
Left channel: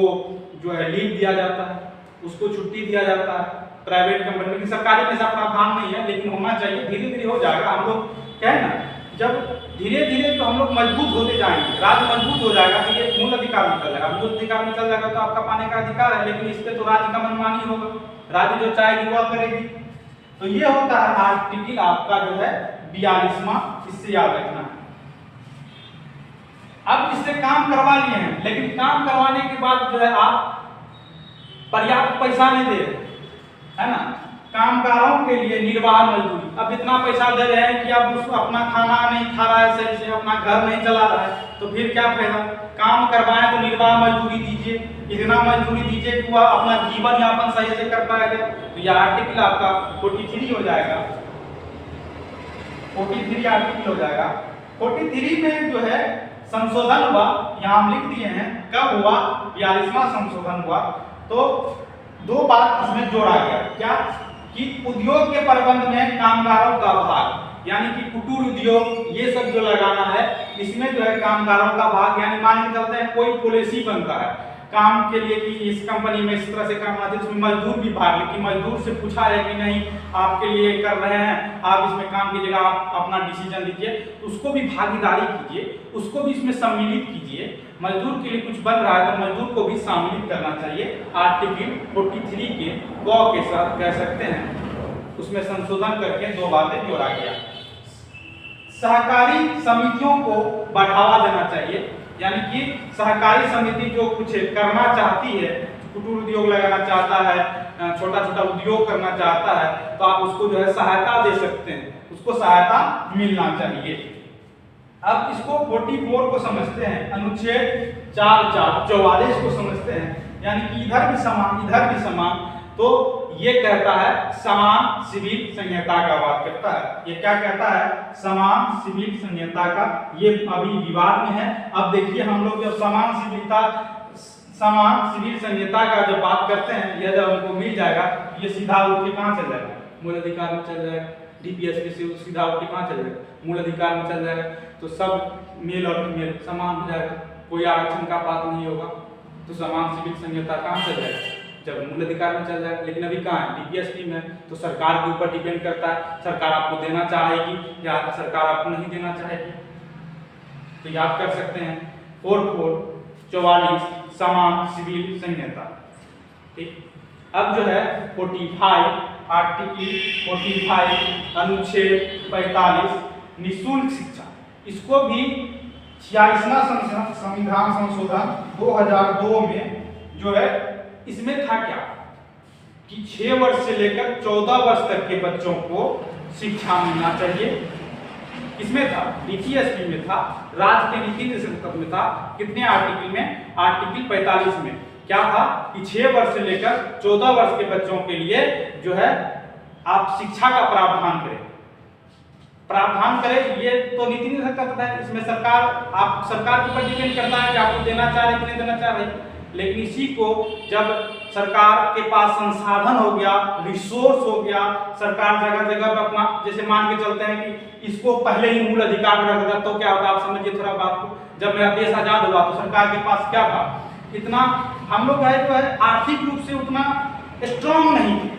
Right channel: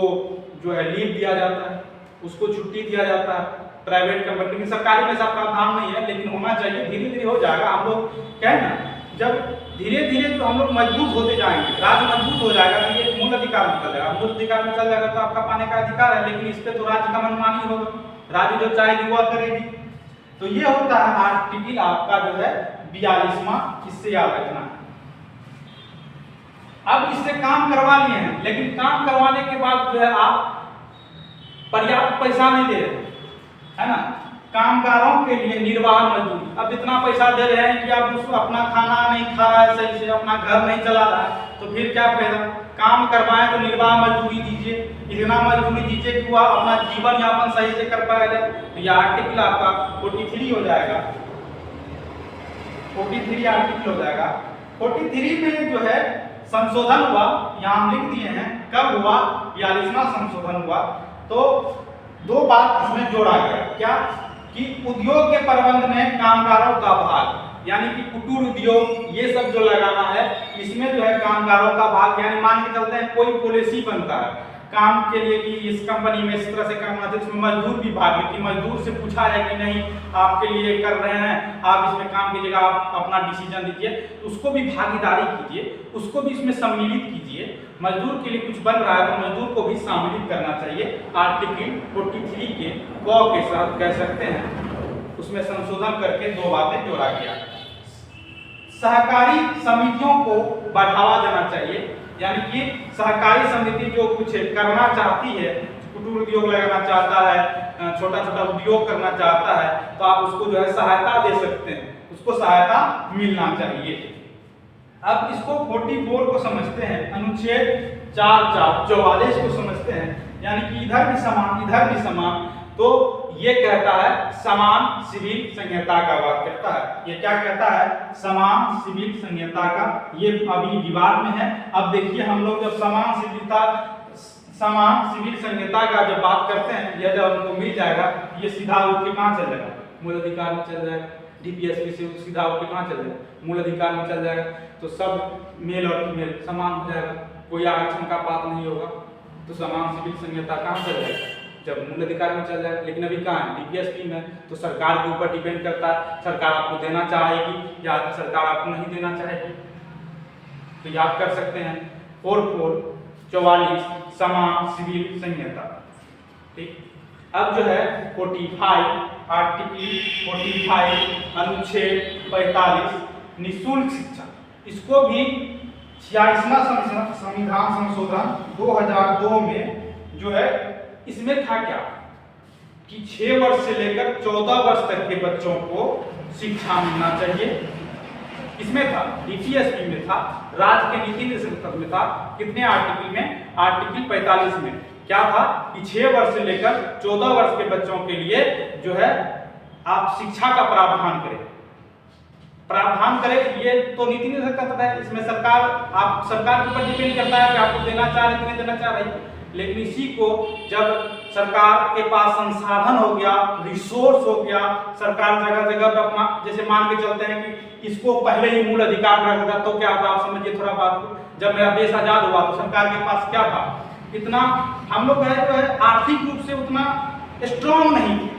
जो है लीव दिया जाता है, उसको छुट्टी दिया जाता है। प्राइवेट कंपनी में, सरकारी में ऐसा प्रावधान नहीं है, लेकिन होना चाहिए। धीरे धीरे हो जाएगा। हम लोग कहें ना, जब धीरे धीरे जो हम लोग मजबूत होते जाएंगे, राज्य मजबूत हो जाएगा तो ये मूल अधिकार में चल जाएगा। मूल अधिकार में चल जाएगा तो आपका पाने का अधिकार है, लेकिन इस पे तो राज्य का मनमानी होगा, राज्य जो चाहेगी वह करेगी। तो ये होता है आर्टिकल आपका जो है 42वां, इससे याद रखना। अब इससे काम करवा लिए हैं, लेकिन काम करवाने के बाद जो है आप पर्याप्त पैसा नहीं दे रहे, है ना। कामगारों के लिए निर्वाह मजदूरी, अब इतना पैसा दे रहे हैं कि अब उसको अपना खाना नहीं खा रहा है सही से, अपना घर नहीं चला रहा है, तो फिर क्या फायदा। काम करवाएं तो निर्वाह मजदूरी दीजिए, इतना मजदूरी दीजिए कि वह अपना जीवन यापन सही से कर पाएगा। तो यह आर्टिकल आपका 43 हो जाएगा, 43 आर्टिकल हो जाएगा। 43 में जो है संशोधन हुआ, यहाँ हम लिख दिए हैं कब हुआ, 42वां संशोधन हुआ। तो दो बात इसमें जोड़ा गया, क्या कि उद्योग के प्रबंध में कामगारों का भाग, यानी कि कुटीर उद्योग ये सब जो लगाना है, इसमें जो है कामगारों का भाग, यानी मान के चलते हैं कोई पॉलिसी बनता है काम के लिए कि इस कंपनी में इस तरह से काम होना चाहिए, इसमें मजदूर भी भाग ले, कि मजदूर से पूछा है कि नहीं आपके लिए कर रहे हैं, आप इसमें काम कीजिएगा, आप अपना डिसीजन दीजिए, तो उसको भी भागीदारी कीजिए, उसको भी इसमें सम्मिलित कीजिए। मजदूर के लिए कुछ बन रहा है तो मजदूर को भी सम्मिलित करना चाहिए। आर्टिकल 43 के क के साथ कह सकते हैं, उसमें संशोधन करके दो बातें जोड़ा गया। सहकारी समितियों को बढ़ावा देना चाहिए, यानी कि सहकारी समिति जो कुछ करना चाहती है, कुटीर उद्योग लगाना चाहता है, छोटा छोटा उद्योग करना चाहता है, तो आप उसको जो है सहायता दे सकते हैं, उसको सहायता मिलना चाहिए। अब इसको 44 को समझते हैं, अनुच्छेद 44 को समझते हैं, यानी कि इधर भी समान इधर भी समान। तो ये कहता है समान सिविल संहिता का बात करता है। ये क्या कहता है, समान सिविल संहिता का, ये अभी विवाद में है। अब देखिए हम लोग जब समान सिविल संहिता का जब बात करते हैं, यह जब हमको मिल जाएगा, ये सीधा उठ के कहाँ चल जाएगा, मूल अधिकार में चल जाएगा। डीपीएसपी से सीधा उठ के कहाँ चल जाएगा, मूल अधिकार में चल जाएगा। तो सब मेल और फीमेल समान हो जाएगा, कोई आरक्षण का बात नहीं होगा। तो समान सिविल संहिता कहाँ चल जाएगा, जब मूल अधिकार में चल जाएगा। लेकिन अभी कहाँ है, डीपीएसपी में, तो सरकार के ऊपर डिपेंड करता है, सरकार आपको देना चाहेगी या सरकार आपको नहीं देना चाहेगी। तो याद कर सकते हैं 44 समान सिविल संहिता। ठीक। अब जो है 45 आर्टिकल 45 अनुच्छेद 45 निःशुल्क शिक्षा, इसको भी 46वां संविधान संशोधन 2002 में जो है, इसमें था क्या कि 6 वर्ष से लेकर 14 वर्ष तक के बच्चों को शिक्षा मिलना चाहिए। इसमें था, डीपीएसपी में था, राज्य के नीति निर्देशक में था। कितने आर्टिकल में, आर्टिकल 45 में क्या था कि 6 वर्ष से लेकर 14 वर्ष के बच्चों के लिए जो है आप शिक्षा का प्रावधान करें। ये तो नीति निर्देशक का पता है, इसमें सरकार के ऊपर डिपेंड करता है कि आपको देना चाह रहे कि नहीं देना चाह रही। लेकिन इसी को जब सरकार के पास संसाधन हो गया, रिसोर्स हो गया, सरकार जगह जगह पर अपना, जैसे मान के चलते हैं कि इसको पहले ही मूल अधिकार में रख दिया, तो क्या होता है आप समझिए थोड़ा बात को। जब मेरा देश आजाद हुआ तो सरकार के पास क्या था, इतना हम लोग जो है आर्थिक रूप से उतना स्ट्रांग नहीं थे,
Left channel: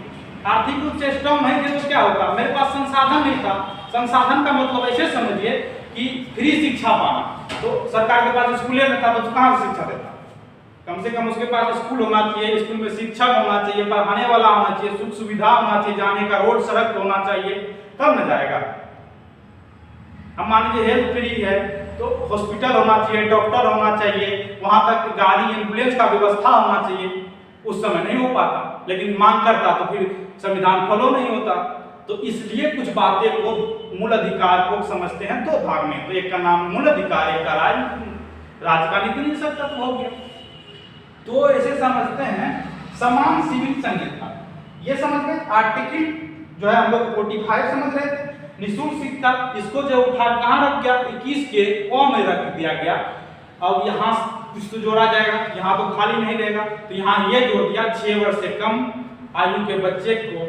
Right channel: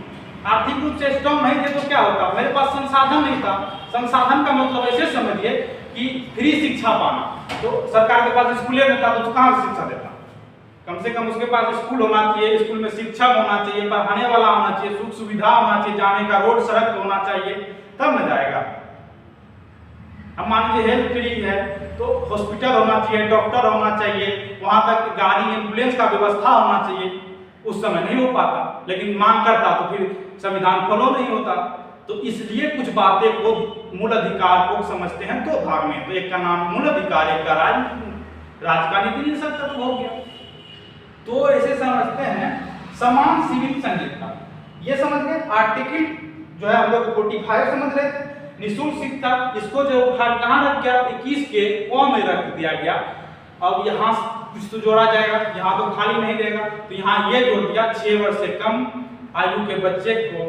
आर्थिक रूप से स्ट्रांग नहीं थे। तो क्या होता, मेरे पास संसाधन नहीं था। संसाधन का मतलब ऐसे समझिए कि फ्री शिक्षा पाना, तो सरकार के पास स्कूल नहीं था, तो कहाँ से शिक्षा देता, कम से कम उसके पास स्कूल होना चाहिए, स्कूल में शिक्षक होना चाहिए, पढ़ाने वाला होना चाहिए, सुख सुविधा होना चाहिए, जाने का रोड सड़क होना चाहिए, तब न जाएगा। अब मान लीजिए हेल्थ फ्री है तो हॉस्पिटल होना चाहिए, डॉक्टर होना चाहिए, वहां तक गाड़ी एम्बुलेंस का व्यवस्था होना चाहिए। उस समय नहीं हो पाता, लेकिन मांग करता तो फिर संविधान फॉलो नहीं होता। तो इसलिए कुछ बातें को मूल अधिकार को समझते हैं दो भाग में। तो एक का नाम मूल अधिकार, एक का राज्य का नीति निर्देशक तत्व हो गया। तो ऐसे समझते हैं समान सिविल संहिता, ये समझ गए। आर्टिकल जो है हम लोग 45 समझ रहे थे, निःशुल्क शिक्षा, इसको जो उठा कहाँ रख गया, 21 के क में रख दिया गया। अब यहाँ कुछ तो जोड़ा जाएगा, यहाँ तो खाली नहीं रहेगा, तो यहाँ ये जोड़ दिया 6 वर्ष से कम आयु के बच्चे को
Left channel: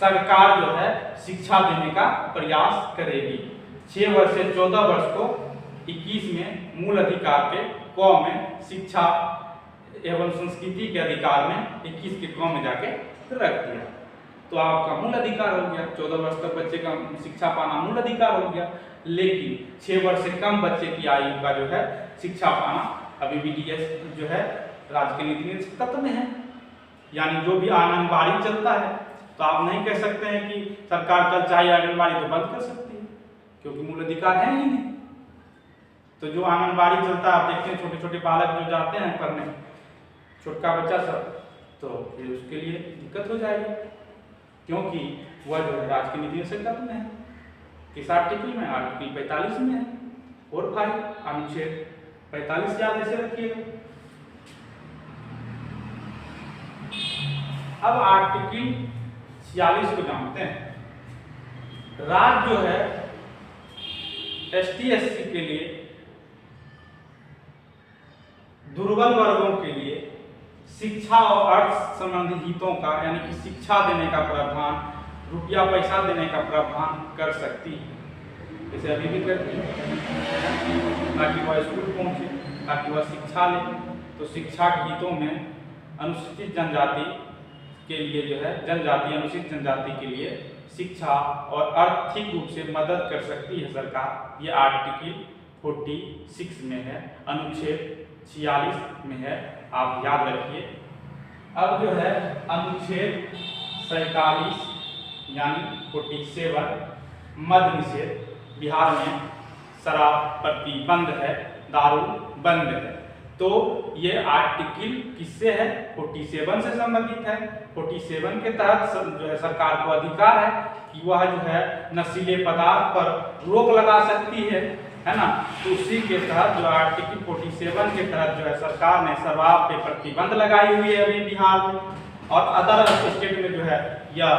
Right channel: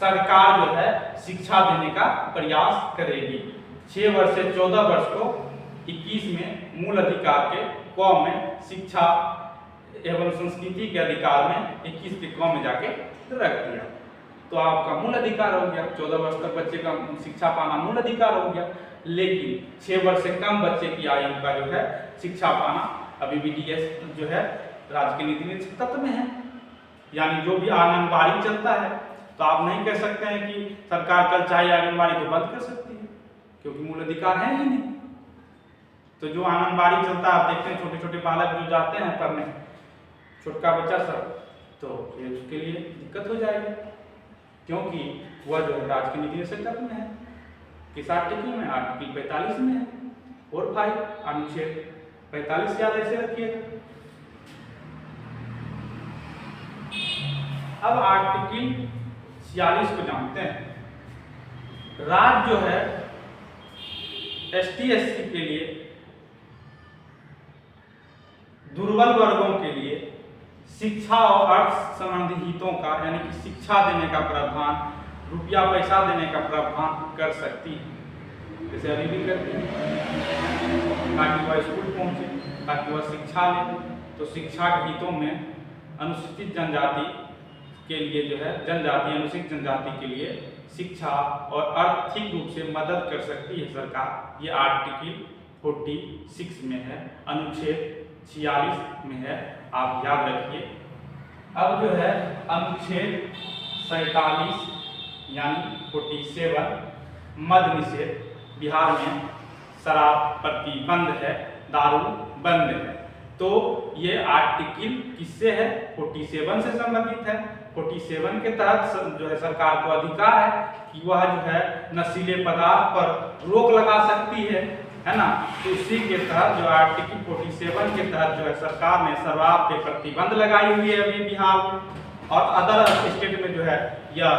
सरकार जो है शिक्षा देने का प्रयास करेगी। 6 वर्ष से 14 वर्ष को 21 में मूल अधिकार के क में शिक्षा एवं संस्कृति के अधिकार में 21 के क में जाके रख दिया। तो आपका मूल अधिकार हो गया, 14 वर्ष तक बच्चे का शिक्षा पाना मूल अधिकार हो गया। लेकिन 6 वर्ष से कम बच्चे की आयु का जो है शिक्षा पाना अभी भी डीएस जो है राज्य के नीति निर्देशक तत्व में है। यानी जो भी आंगनबाड़ी चलता है, तो आप नहीं कह सकते हैं कि सरकार कल चाहे आंगनबाड़ी तो बंद कर सकती है, क्योंकि मूल अधिकार है ही नहीं। तो जो आंगनबाड़ी चलता है, आप देखते हैं छोटे छोटे बालक जो जाते हैं पढ़ने, छोटका बच्चा सब, तो फिर उसके लिए दिक्कत हो जाएगी, क्योंकि वह जो है राज्य के नीति निर्देशक तत्व में है। किस आर्टिकल में? आर्टिकल 45 में है। और 5 अनुच्छेद 45 याद ऐसे रखिएगा। अब आर्टिकल 46 को जानते हैं। राज्य जो है ST SC के लिए, दुर्बल वर्गों के लिए शिक्षा और अर्थ संबंधी हितों का, यानी कि शिक्षा देने का प्रावधान, रुपया पैसा देने का प्रावधान कर सकती है, जैसे अभी भी करती है, ताकि वह स्कूल पहुंचे, ताकि वह शिक्षा ले। तो शिक्षा के हितों में अनुसूचित जनजाति के लिए जो है, जनजाति अनुसूचित जनजाति के लिए शिक्षा और आर्थिक रूप से मदद कर सकती है सरकार। ये आर्टिकल 46 में है, अनुच्छेद 46 में है, आप याद रखिए। अब जो है अनुच्छेद 47 यानी 47 मद्य निषेध, बिहार में शराब प्रतिबंध है, दारू बंद है। तो ये आर्टिकल किससे है? 47 से संबंधित है। 47 के तहत जो है सरकार को अधिकार है कि वह जो है नशीले पदार्थ पर रोक लगा सकती है ना। तो उसी के तहत जो आर्टिकल 47 के तहत जो है सरकार ने शराब पे प्रतिबंध लगाई हुई है अभी बिहार में, और अदर स्टेट में जो है यह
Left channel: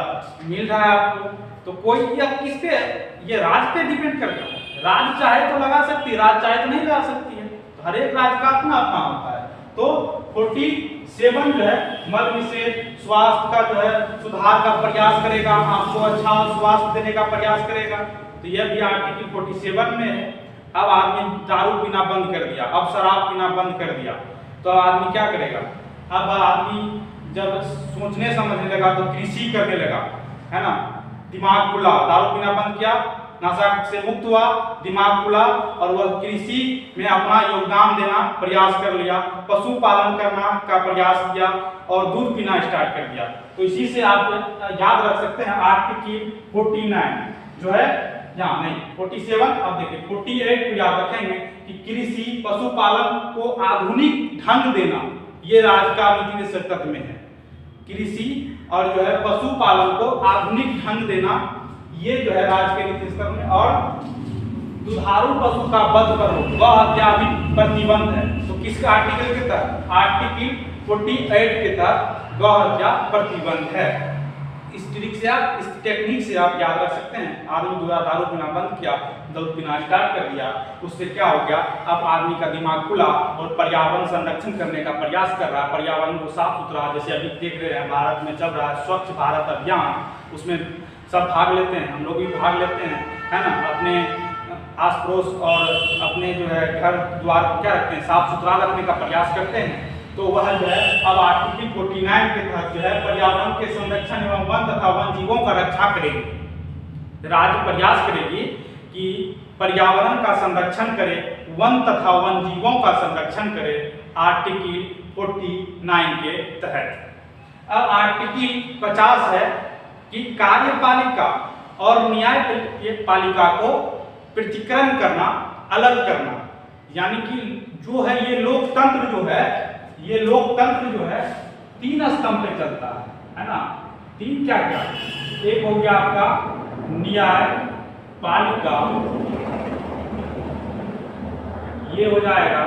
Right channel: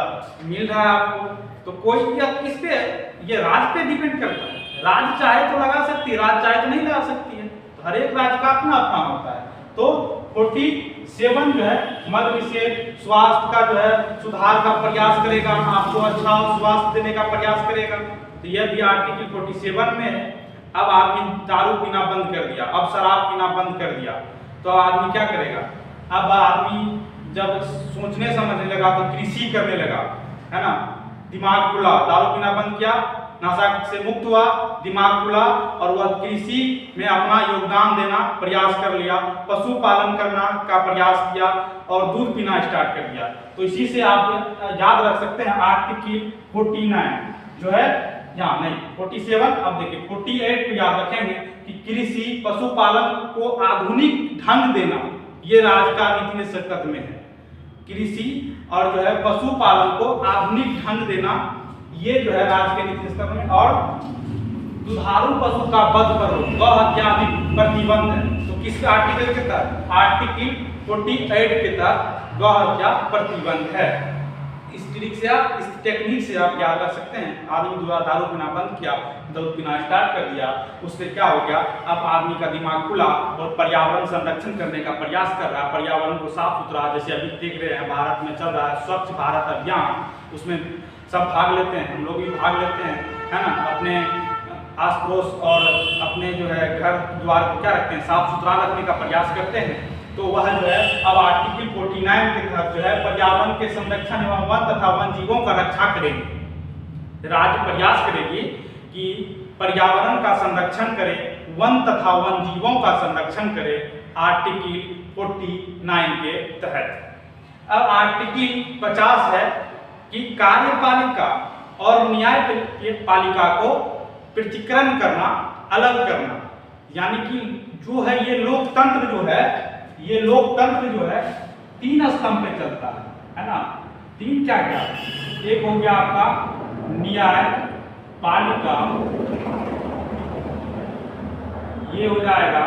मिल रहा है आपको। तो कोई यह किससे, ये राज्य पे डिपेंड करता है। राज्य चाहे तो लगा सकती है, राज्य चाहे तो नहीं लगा सकती है। तो हर एक राज्य का अपना अपना होता है। तो 47 जो है मद्य निषेध, स्वास्थ्य का जो है सुधार का प्रयास करेगा, आपको अच्छा स्वास्थ्य देने का प्रयास करेगा। तो यह भी आर्टिकल 47 में है। अब आदमी दारू पीना बंद कर दिया, अब शराब पीना बंद कर दिया, तो आदमी क्या करेगा? अब आदमी जब सोचने समझने लगा तो कृषि करने लगा, है ना। दिमाग खुला, दारू पीना बंद किया, नशा से मुक्त हुआ, दिमाग खुला, और वह कृषि में अपना योगदान देना प्रयास कर लिया, पशुपालन करना का प्रयास किया और दूध पीना स्टार्ट कर दिया। तो इसी से आप याद रख सकते हैं आर्टिकल 49 जो है यहाँ नहीं 47। अब देखिए 48 को याद रखेंगे कि कृषि पशुपालन को आधुनिक ढंग देना, ये राज्य का नीति निर्देशक तत्व में है। कृषि और जो है पशुपालन को आधुनिक ढंग देना, ये जो है राज्य के नीति निर्देशक में। और दुधारू पशु का वध पर रोक, गौ हत्या भी प्रतिबंध है। तो किस आर्टिकल के तहत? आर्टिकल 48 के तहत गौ हत्या प्रतिबंध है। इस ट्रिक से आप, इस टेक्निक से आप याद रख सकते हैं। आदमी द्वारा दारू पीना बंद किया, दूध पीना स्टार्ट कर दिया, उससे क्या हो गया? अब आदमी का दिमाग खुला और पर्यावरण संरक्षण करने का प्रयास कर रहा है, पर्यावरण को साफ सुथरा, जैसे अभी देख रहे हैं भारत में चल रहा है स्वच्छ भारत अभियान, उसमें सब भाग लेते हैं, हम लोग भी भाग लेते हैं, है ना। अपने आस पड़ोस और अपने जो है घर द्वार को क्या रखते हैं? साफ सुथरा रखने का प्रयास करते हैं। तो वह जो है अब आर्टिकल 49 के तहत जो है पर्यावरण के संरक्षण एवं वन तथा वन जीवों का रक्षा करेगी। राज्य प्रयास करेगी कि पर्यावरण का संरक्षण करे, वन तथा वन जीवों का संरक्षण करे, आर्टिकल 49 के तहत। अब आर्टिकल 50 है कि कार्यपालिका और न्यायपालिका को पृथक्करण करना, अलग करना। यानी कि जो है ये लोकतंत्र जो है, ये लोकतंत्र जो है 3 स्तंभ पे चलता है ना। 3 क्या क्या? एक हो गया आपका न्यायपालिका, ये हो जाएगा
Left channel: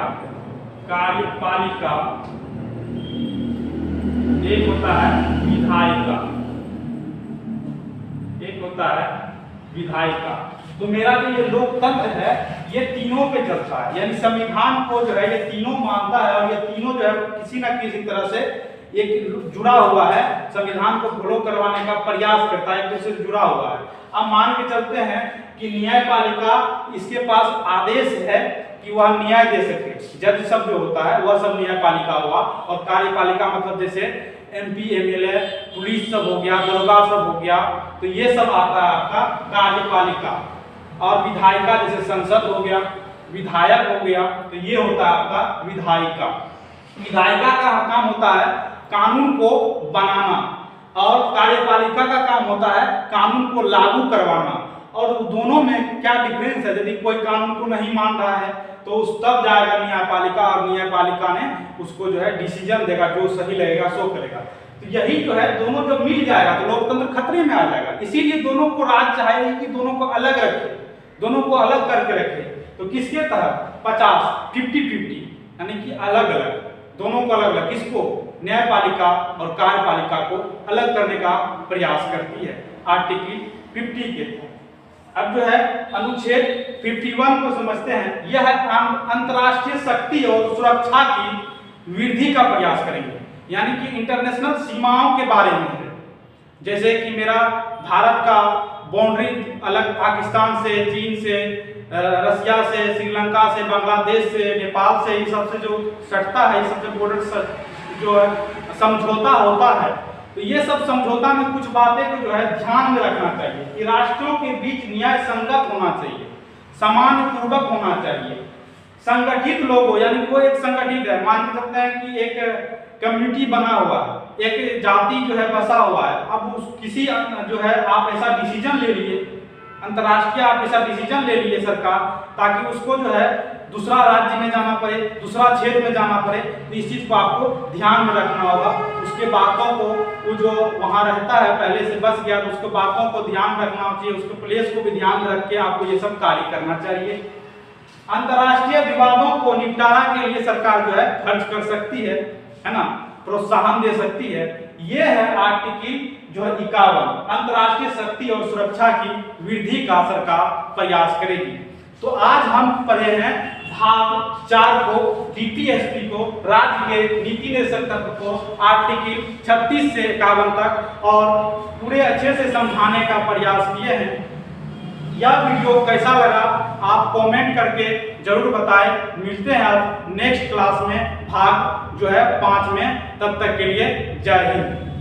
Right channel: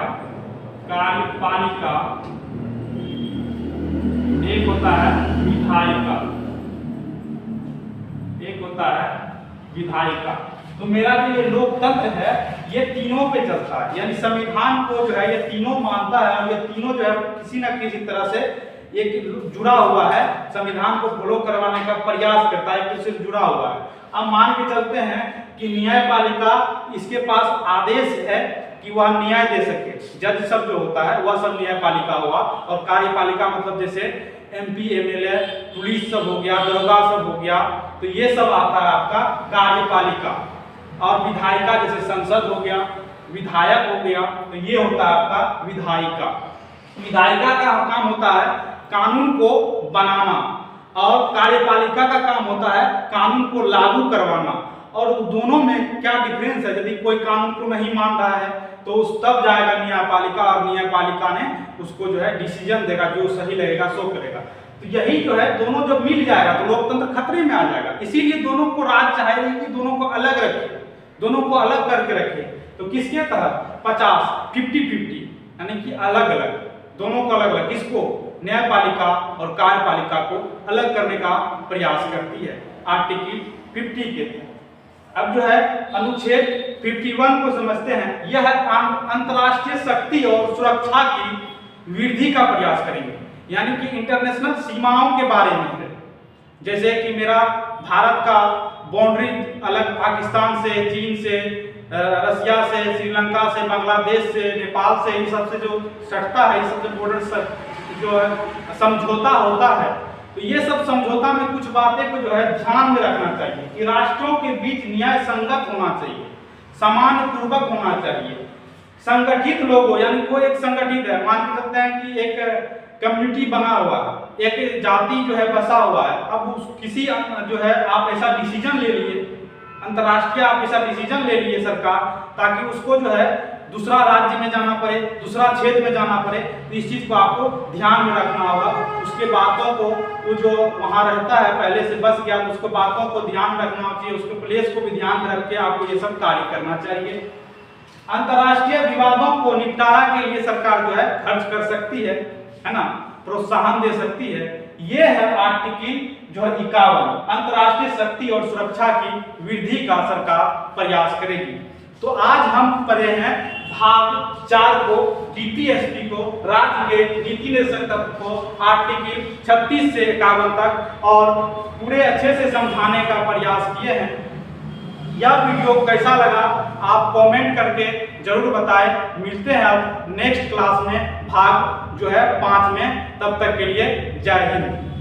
कार्यपालिका, एक होता है विधायिका, एक होता है विधायिका। तो मेरा जो ये लोकतंत्र है ये तीनों पे चलता है, यानी संविधान को जो है ये तीनों मानता है और ये तीनों जो है किसी न किसी तरह से एक जुड़ा हुआ है, संविधान को फॉलो करवाने का प्रयास करता है, एक दूसरे से जुड़ा हुआ है। अब मान के चलते हैं कि न्यायपालिका इसके पास आदेश है कि वह न्याय दे सके, जज सब जो होता है वह सब न्यायपालिका हुआ, और कार्यपालिका मतलब जैसे MP MLA पुलिस सब हो गया, दरोगा सब हो गया, तो ये सब आता है आपका कार्यपालिका। और विधायिका जैसे संसद हो गया, विधायक हो गया, तो ये होता है आपका विधायिका। विधायिका का काम होता है कानून को बनाना और कार्यपालिका का काम होता है कानून को लागू करवाना। और दोनों में क्या डिफरेंस है, यदि कोई कानून को नहीं मान रहा है तो उस तब जाएगा न्यायपालिका और न्यायपालिका ने उसको जो है डिसीजन देगा, जो सही लगेगा सो करेगा। तो यही जो है दोनों जब मिल जाएगा तो लोकतंत्र खतरे में आ जाएगा। इसीलिए दोनों को राज चाहिए कि दोनों को अलग रखे, दोनों को अलग करके रखे। तो किसके तहत 50-50 यानी कि अलग अलग, दोनों को अलग अलग, किसको, न्यायपालिका और कार्यपालिका को अलग करने का प्रयास करती है आर्टिकल 50 के तहत। अब जो है अनुच्छेद 51 को समझते हैं। यह अंतर्राष्ट्रीय शक्ति और सुरक्षा की वृद्धि का प्रयास करेंगे, यानी कि इंटरनेशनल सीमाओं के बारे में है। जैसे कि मेरा भारत का बाउंड्री अलग पाकिस्तान से, चीन से, रसिया से, श्रीलंका से, बांग्लादेश से, नेपाल से, इन सबसे जो सटता है, इस सबसे बॉर्डर जो है समझौता होता है। तो ये सब समझौता में कुछ बातें को जो है ध्यान में रखना चाहिए कि राष्ट्रों के बीच न्याय संगत होना चाहिए, सामान्य पूर्वक होना चाहिए, संगठित लोग हो, यानी कोई एक संगठित है, मान के चलते हैं कि एक कम्युनिटी बना हुआ है, एक जाति जो है बसा हुआ है। अब किसी जो है आप ऐसा डिसीजन ले लिए, अंतर्राष्ट्रीय आप ऐसा डिसीजन ले लिए सरकार, ताकि उसको जो है दूसरा राज्य में जाना पड़े, दूसरा क्षेत्र में जाना पड़े, तो इस चीज़ को आपको ध्यान में रखना होगा। उसके बातों को, वो जो वहाँ रहता है पहले से बस गया, तो उसको बातों को ध्यान रखना चाहिए, उसके प्लेस को भी ध्यान में रख के आपको ये सब कार्य करना चाहिए। अंतर्राष्ट्रीय विवादों को निपटारा के लिए सरकार जो है खर्च कर सकती है ना, प्रोत्साहन दे सकती है। ये है आर्टिकल जो है 51, अंतर्राष्ट्रीय शक्ति और सुरक्षा की वृद्धि का सरकार प्रयास करेगी। तो आज हम पढ़े हैं भाग 4 को, DPSP को, राज्य के नीति निर्देशक तत्व को, आर्टिकल 36 से 51 तक, और पूरे अच्छे से समझाने का प्रयास किए हैं। यह वीडियो कैसा लगा आप कमेंट करके जरूर बताएं। मिलते हैं अब नेक्स्ट क्लास में भाग जो है 5 में, तब तक के लिए जय हिंद।